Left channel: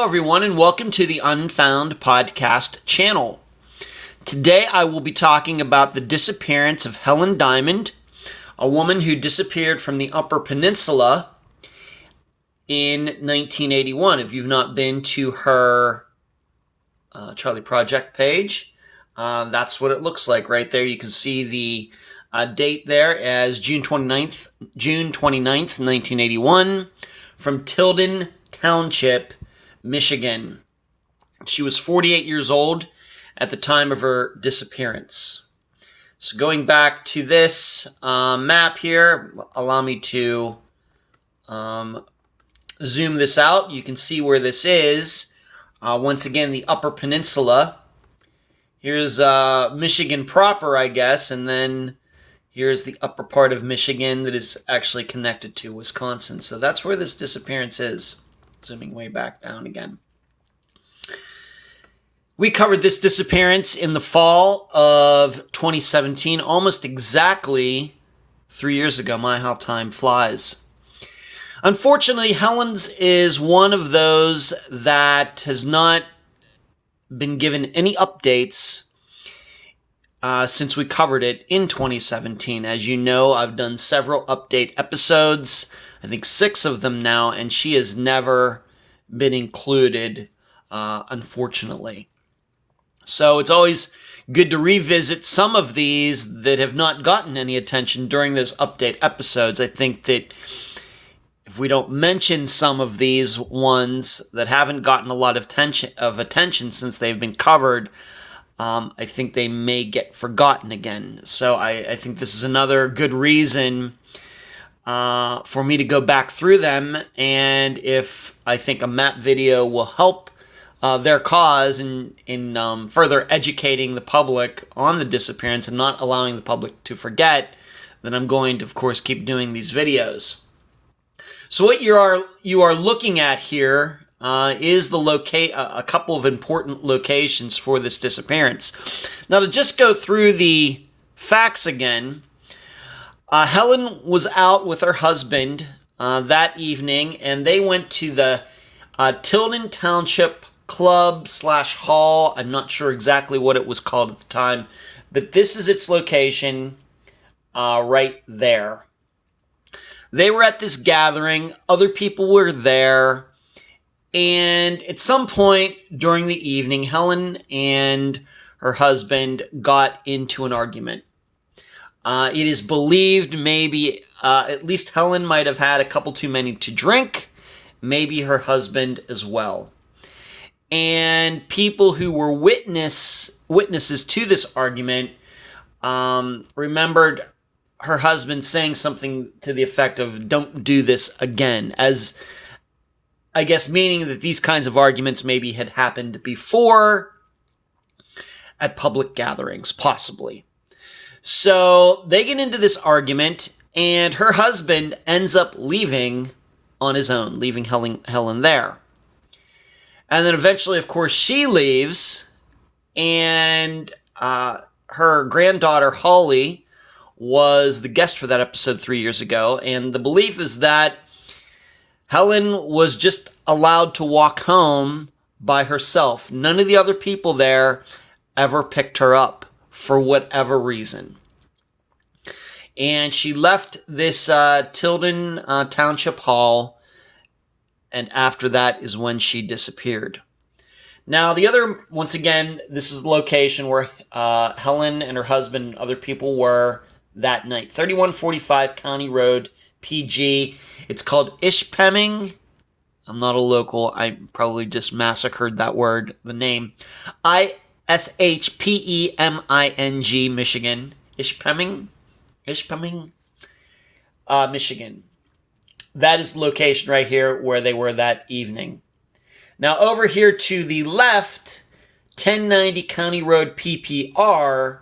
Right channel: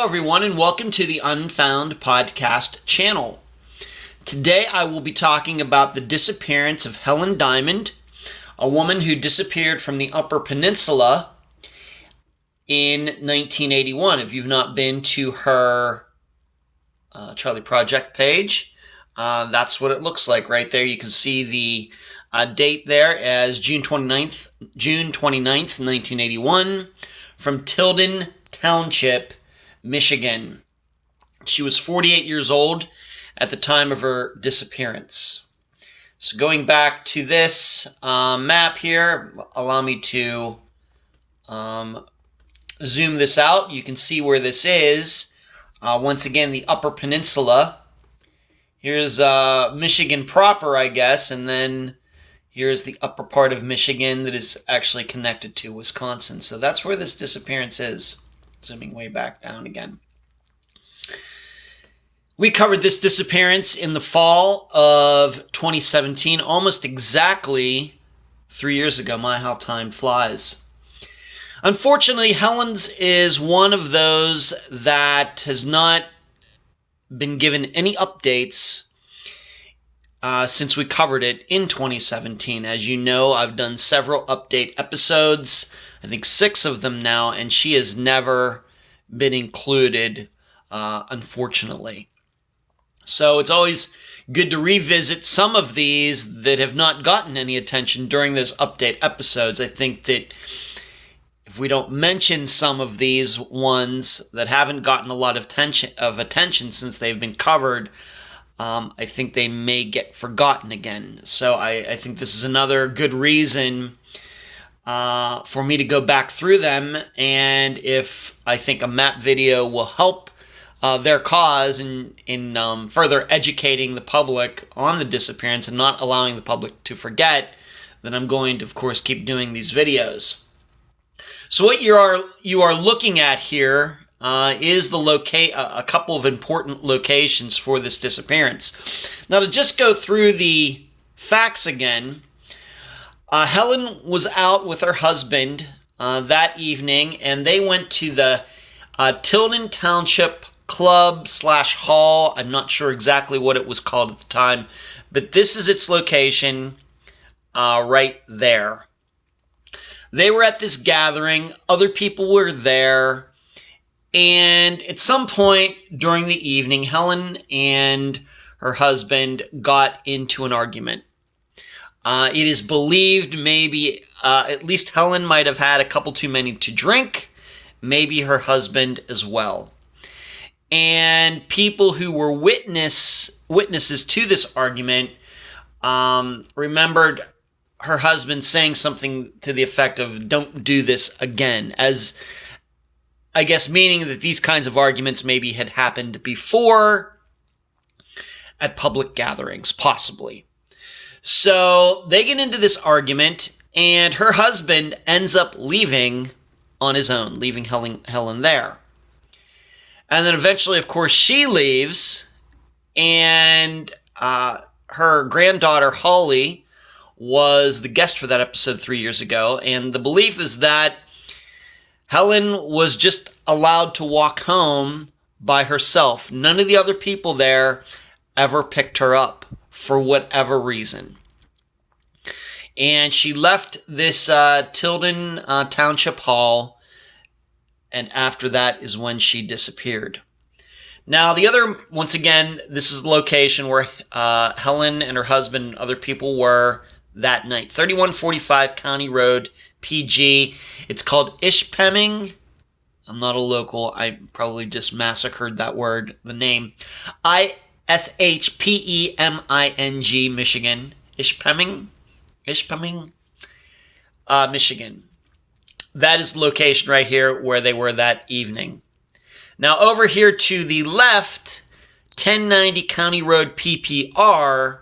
Hello, everyone, and welcome to the Unfound podcast channel. Today, I will be talking about the disappearance of Helen Dymond, a woman who disappeared from the Upper Peninsula in 1981. If you've not been to her Charlie Project page, that's what it looks like right there. You can see the date there as June 29th, 1981, from Tilden Township, Michigan. She was 48 years old at the time of her disappearance. So going back to this map here, allow me to zoom this out. You can see where this is. Once again, the Upper Peninsula. Here's Michigan proper, I guess, and then here's the upper part of Michigan that is actually connected to Wisconsin. So that's where this disappearance is. Zooming way back down again. We covered this disappearance in the fall of 2017, almost exactly 3 years ago. My, how time flies. Unfortunately, Helen's is one of those that has not been given any updates since we covered it in 2017. As you know, I've done several update episodes, I think 6 of them now, and she has never been included, unfortunately. So it's always good to revisit some of these that have not gotten any attention during those update episodes. I think that if we don't mention some of these ones that haven't gotten a lot of attention since they've been covered, I think they may get forgotten again. So I think this is another good reason for me to go back through them, and if I think a map video will help their cause in further educating the public on the disappearance and not allowing the public to forget, then I'm going to, of course, keep doing these videos. So what you are looking at here is a couple of important locations for this disappearance. Now, to just go through the facts again, Helen was out with her husband that evening, and they went to the Tilden Township Club / Hall. I'm not sure exactly what it was called at the time, but this is its location right there. They were at this gathering. Other people were there. And at some point during the evening, Helen and her husband got into an argument. It is believed maybe at least Helen might have had a couple too many to drink, maybe her husband as well. And people who were witnesses to this argument remembered her husband saying something to the effect of, "Don't do this again," as I guess meaning that these kinds of arguments maybe had happened before at public gatherings, possibly. So they get into this argument, and her husband ends up leaving on his own, leaving Helen there. And then eventually, of course, she leaves, and her granddaughter, Holly, was the guest for that episode 3 years ago, and the belief is that Helen was just allowed to walk home by herself. None of the other people there ever picked her up for whatever reason. And she left this Tilden Township Hall, and after that is when she disappeared. Now, once again, this is the location where Helen and her husband and other people were that night. 3145 County Road, PG. It's called Ishpeming. I'm not a local. I probably just massacred the name. Ishpeming, Michigan. Ishpeming, Michigan. That is the location right here where they were that evening. Now, over here to the left, 1090 County Road, PPR,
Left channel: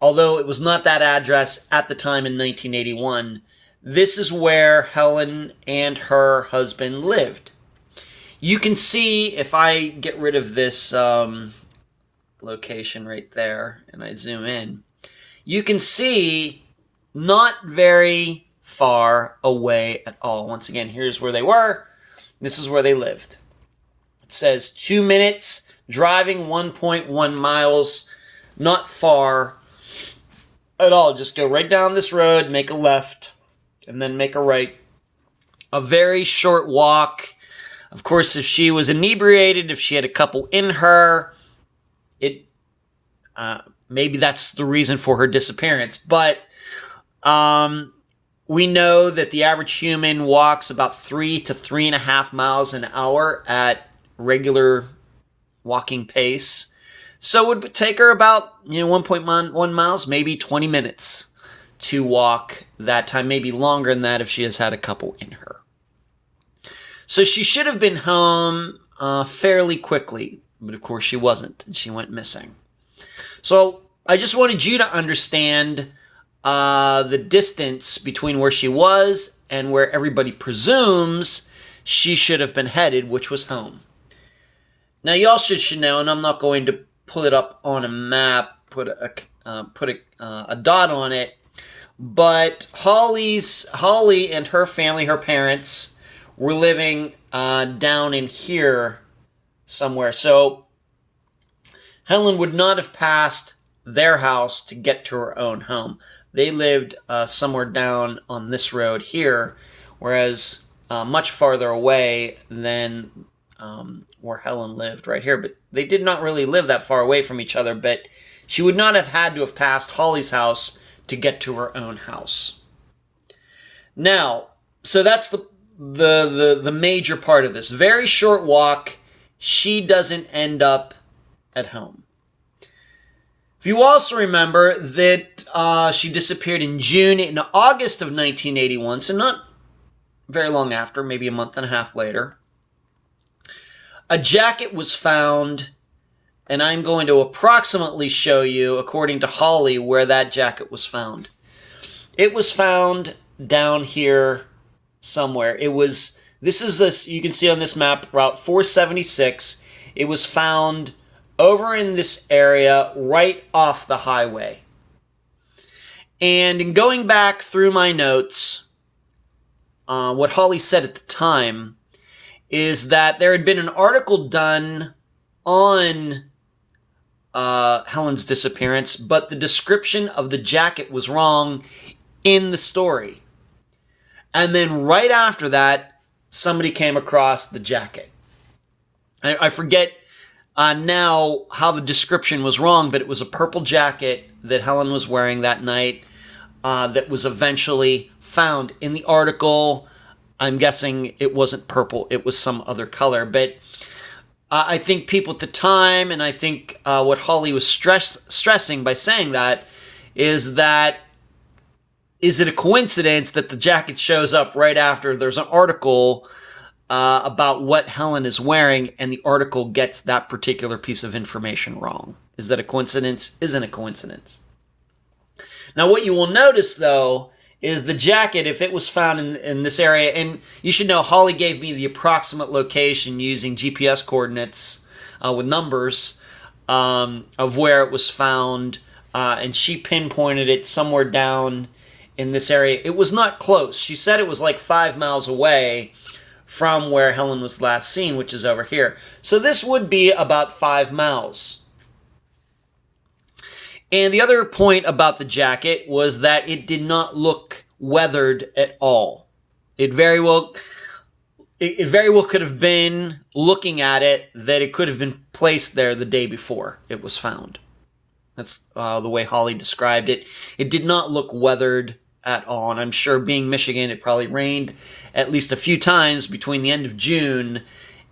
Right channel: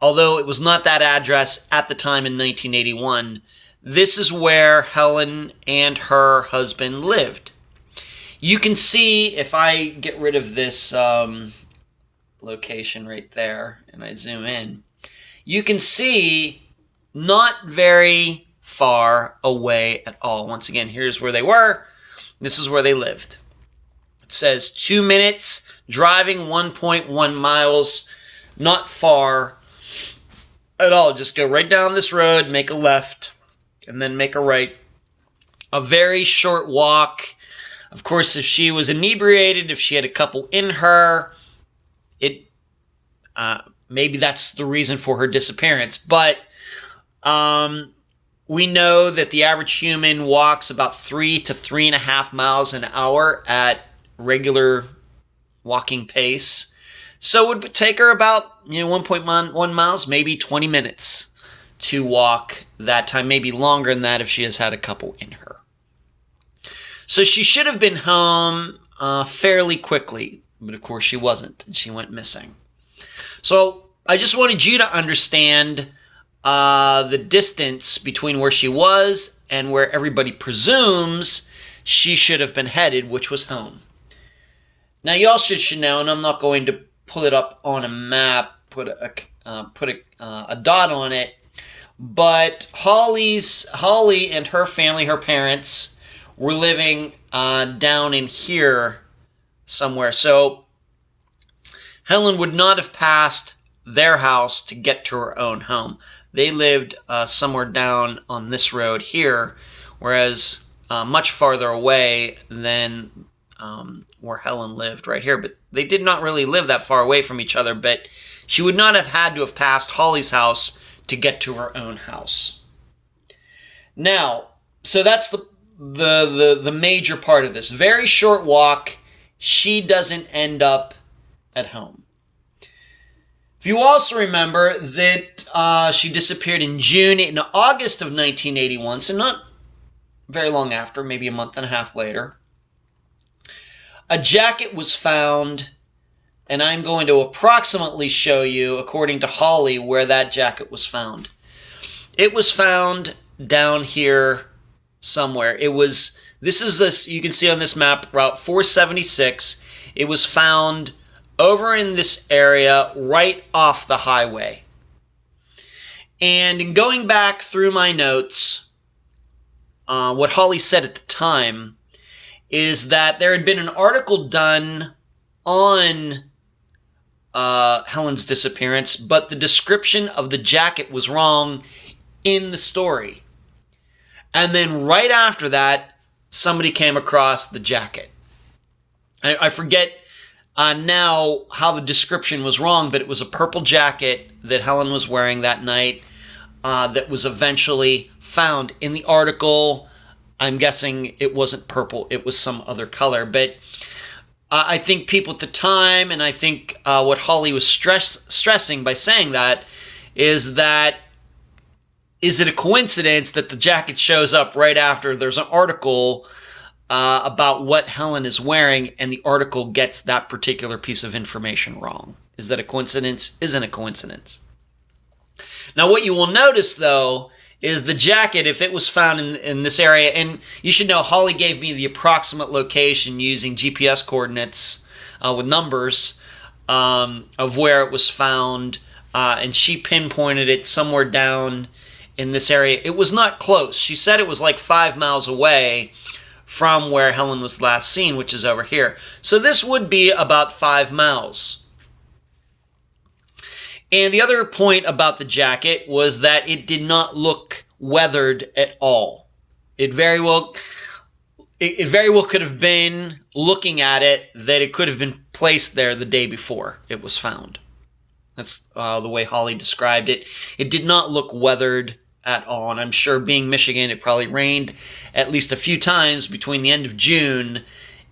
although it was not that address at the time in 1981, this is where Helen and her husband lived. You can see, if I get rid of this location right there, and I zoom in, you can see not very far away at all. Once again, here's where they were. This is where they lived. It says 2 minutes, driving 1.1 miles, not far at all. Just go right down this road, make a left, and then make a right. A very short walk. Of course, if she was inebriated, if she had a couple in her, maybe that's the reason for her disappearance. But we know that the average human walks about 3 to 3.5 miles an hour at regular walking pace. So it would take her about 1.1 miles, maybe 20 minutes to walk that time, maybe longer than that if she has had a couple in her. So she should have been home fairly quickly, but of course she wasn't, and she went missing. So I just wanted you to understand the distance between where she was and where everybody presumes she should have been headed, which was home. Now you also should know, and I'm not going to pull it up on a map, put a dot on it, but Holly and her family, her parents, were living down in here somewhere. So Helen would not have passed their house to get to her own home. They lived somewhere down on this road here, whereas much farther away than where Helen lived right here. But they did not really live that far away from each other, but she would not have had to have passed Holly's house to get to her own house. Now, so that's the major part of this. Very short walk. She doesn't end up at home. If you also remember that she disappeared in August of 1981, so not very long after, maybe a month and a half later. A jacket was found, and I'm going to approximately show you, according to Holly, where that jacket was found. It was found down here somewhere. You can see on this map, Route 476. It was found over in this area right off the highway. And in going back through my notes, what Holly said at the time is that there had been an article done on Helen's disappearance, but the description of the jacket was wrong in the story. And then right after that, somebody came across the jacket. I forget now how the description was wrong, but it was a purple jacket that Helen was wearing that night that was eventually found in the article. I'm guessing it wasn't purple, it was some other color. But I think people at the time, and I think what Holly was stressing by saying that, is it a coincidence that the jacket shows up right after there's an article about what Helen is wearing, and the article gets that particular piece of information wrong? Is that a coincidence? Isn't a coincidence. Now, what you will notice, though, is the jacket, if it was found in this area, and you should know Holly gave me the approximate location using GPS coordinates with numbers of where it was found, and she pinpointed it somewhere down in this area. It was not close. She said it was like 5 miles away from where Helen was last seen, which is over here. So this would be about 5 miles. And the other point about the jacket was that it did not look weathered at all. It very well could have been, looking at it, that it could have been placed there the day before it was found. That's the way Holly described it. It did not look weathered at all, and I'm sure, being Michigan, it probably rained at least a few times between the end of June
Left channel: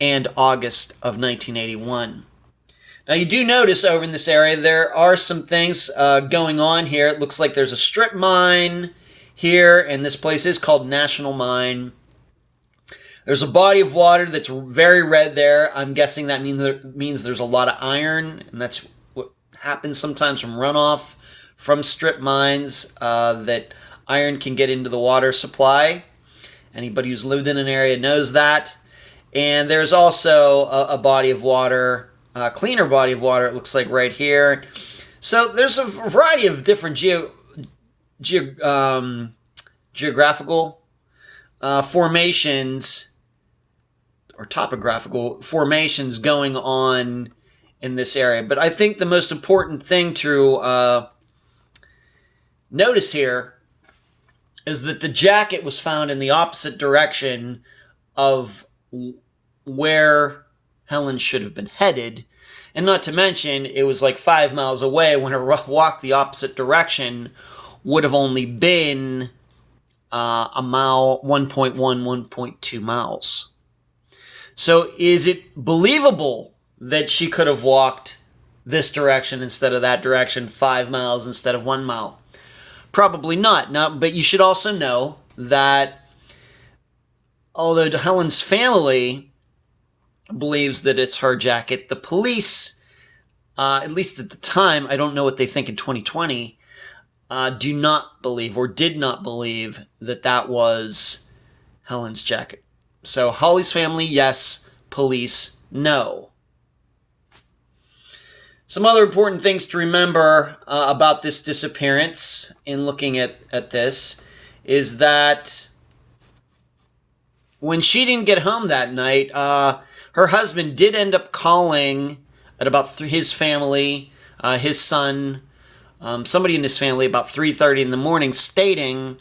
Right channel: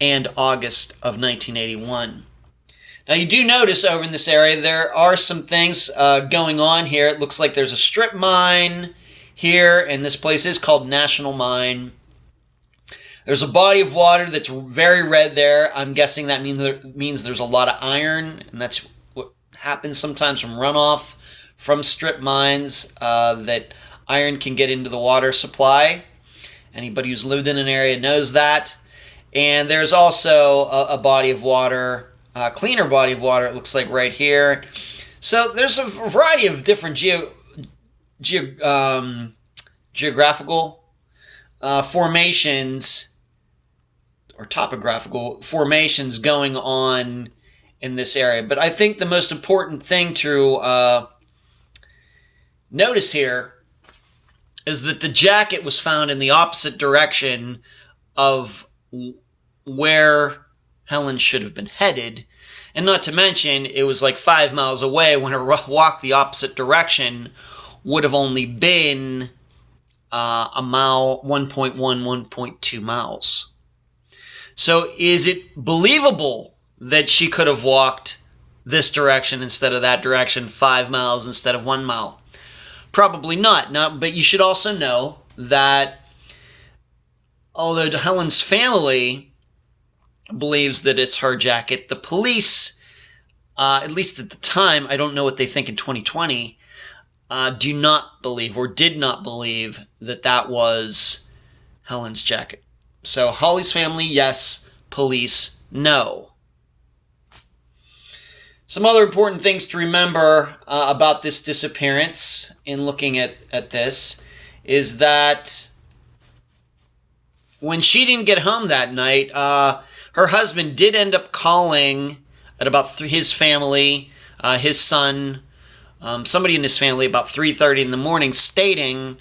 and August of 1981. Now, you do notice over in this area there are some things going on here. It looks like there's a strip mine here, and this place is called National Mine. There's a body of water that's very red there. I'm guessing that means there's a lot of iron, and that's what happens sometimes from runoff from strip mines, that iron can get into the water supply. Anybody who's lived in an area knows that. And there's also a body of water, a cleaner body of water, it looks like, right here. So there's a variety of different geographical formations or topographical formations going on in this area. But I think the most important thing to notice here is that the jacket was found in the opposite direction of where Helen should have been headed. And not to mention, it was like 5 miles away when her walk the opposite direction would have only been a mile, 1.1, 1.2 miles. So is it believable that she could have walked this direction instead of that direction, 5 miles instead of 1 mile? Probably not. Now, but you should also know that although Helen's family believes that it's her jacket, the police, at least at the time, I don't know what they think in 2020, do not believe or did not believe that that was Helen's jacket. So Holly's family, yes. Police, no. Some other important things to remember about this disappearance in looking at this is that when she didn't get home that night, her husband did end up calling at about his family, his son, somebody in his family about 3:30 in the morning, stating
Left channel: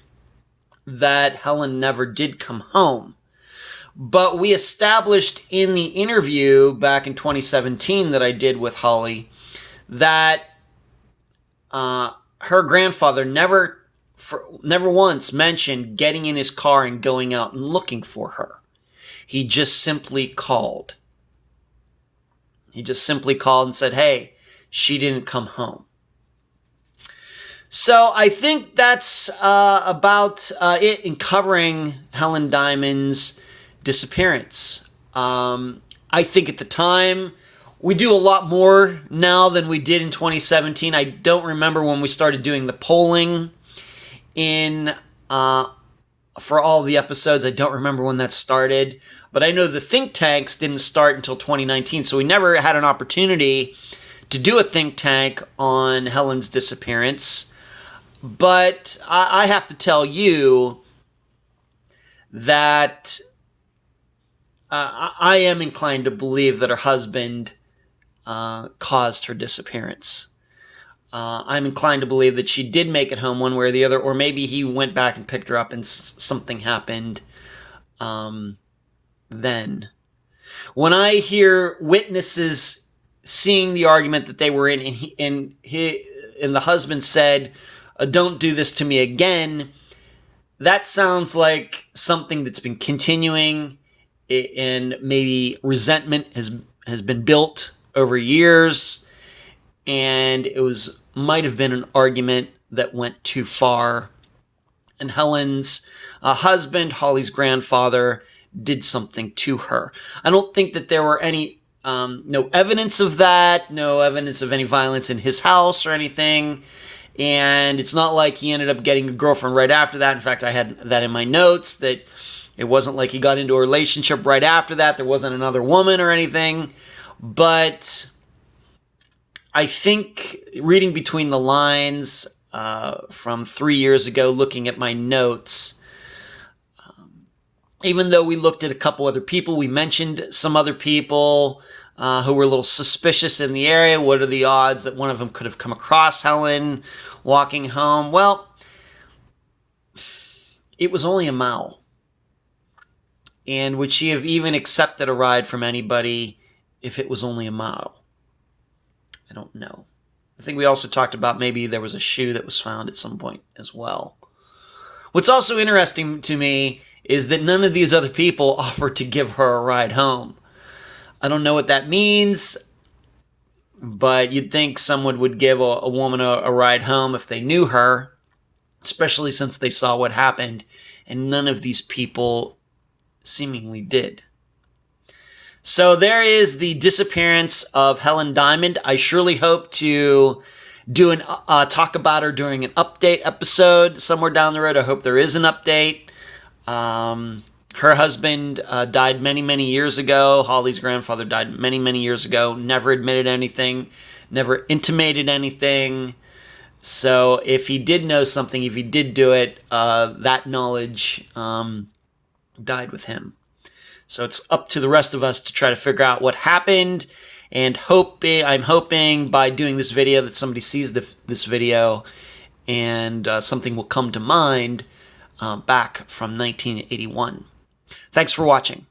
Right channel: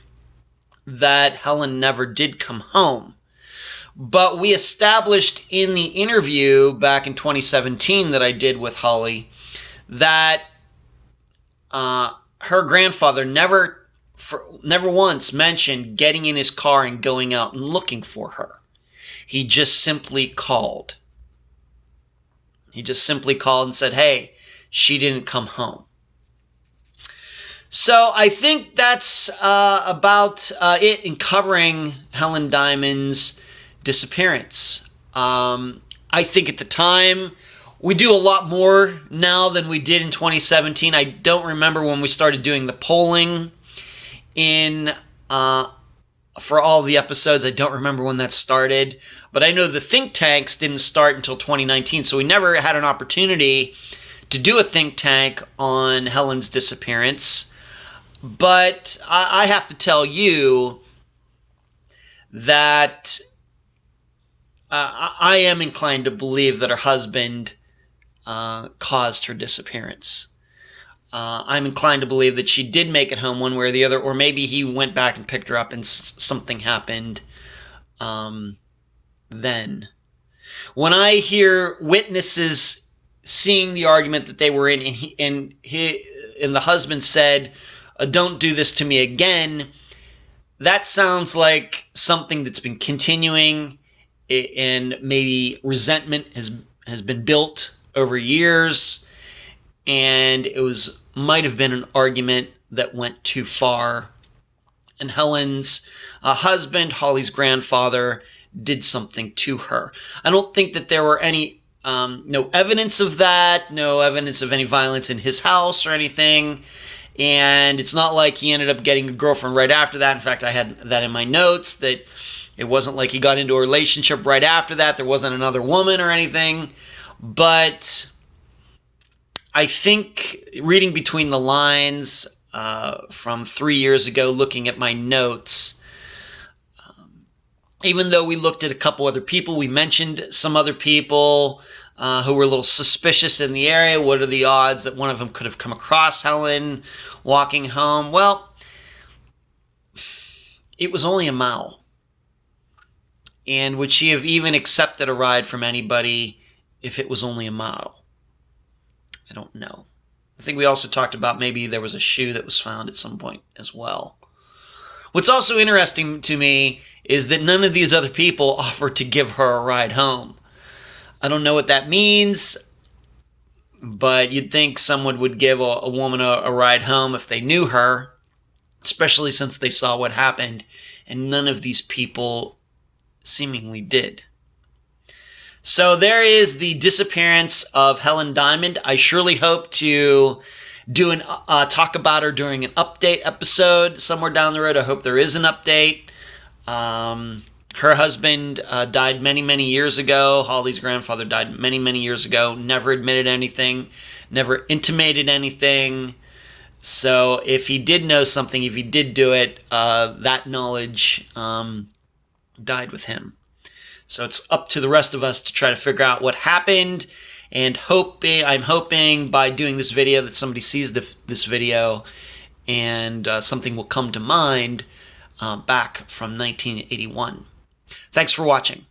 that Helen never did come home. But we established in the interview back in 2017 that I did with Holly that her grandfather never once mentioned getting in his car and going out and looking for her. He just simply called. He just simply called and said, hey, she didn't come home. So I think that's about it in covering Helen Dymond's disappearance. I think at the time, we do a lot more now than we did in 2017. I don't remember when we started doing the polling for all the episodes. I don't remember when that started. But I know the think tanks didn't start until 2019, so we never had an opportunity to do a think tank on Helen's disappearance. But I have to tell you that I am inclined to believe that her husband caused her disappearance. I'm inclined to believe that she did make it home one way or the other, or maybe he went back and picked her up and something happened then. When I hear witnesses seeing the argument that they were in, and the husband said, don't do this to me again, that sounds like something that's been continuing, and maybe resentment has been built over years, and it might have been an argument that went too far, and Helen's husband, Holly's grandfather, did something to her. I don't think that there were any no evidence of that, no evidence of any violence in his house or anything, and it's not like he ended up getting a girlfriend right after that. In fact, I had that in my notes, that it wasn't like he got into a relationship right after that. There wasn't another woman or anything. But I think reading between the lines from 3 years ago, looking at my notes, even though we looked at a couple other people, we mentioned some other people who were a little suspicious in the area. What are the odds that one of them could have come across Helen walking home? Well, it was only a mile. And would she have even accepted a ride from anybody if it was only a mile? I don't know. I think we also talked about maybe there was a shoe that was found at some point as well. What's also interesting to me is that none of these other people offered to give her a ride home. I don't know what that means, but you'd think someone would give a woman a ride home if they knew her, especially since they saw what happened, and none of these people seemingly did. So there is the disappearance of Helen Dymond. I surely hope to do talk about her during an update episode somewhere down the road. I hope there is an update. Her husband died many, many years ago. Holly's grandfather died many, many years ago. Never admitted anything. Never intimated anything. So if he did know something, if he did do it, that knowledge died with him. So it's up to the rest of us to try to figure out what happened, and I'm hoping by doing this video that somebody sees this video and something will come to mind back from 1981. Thanks for watching.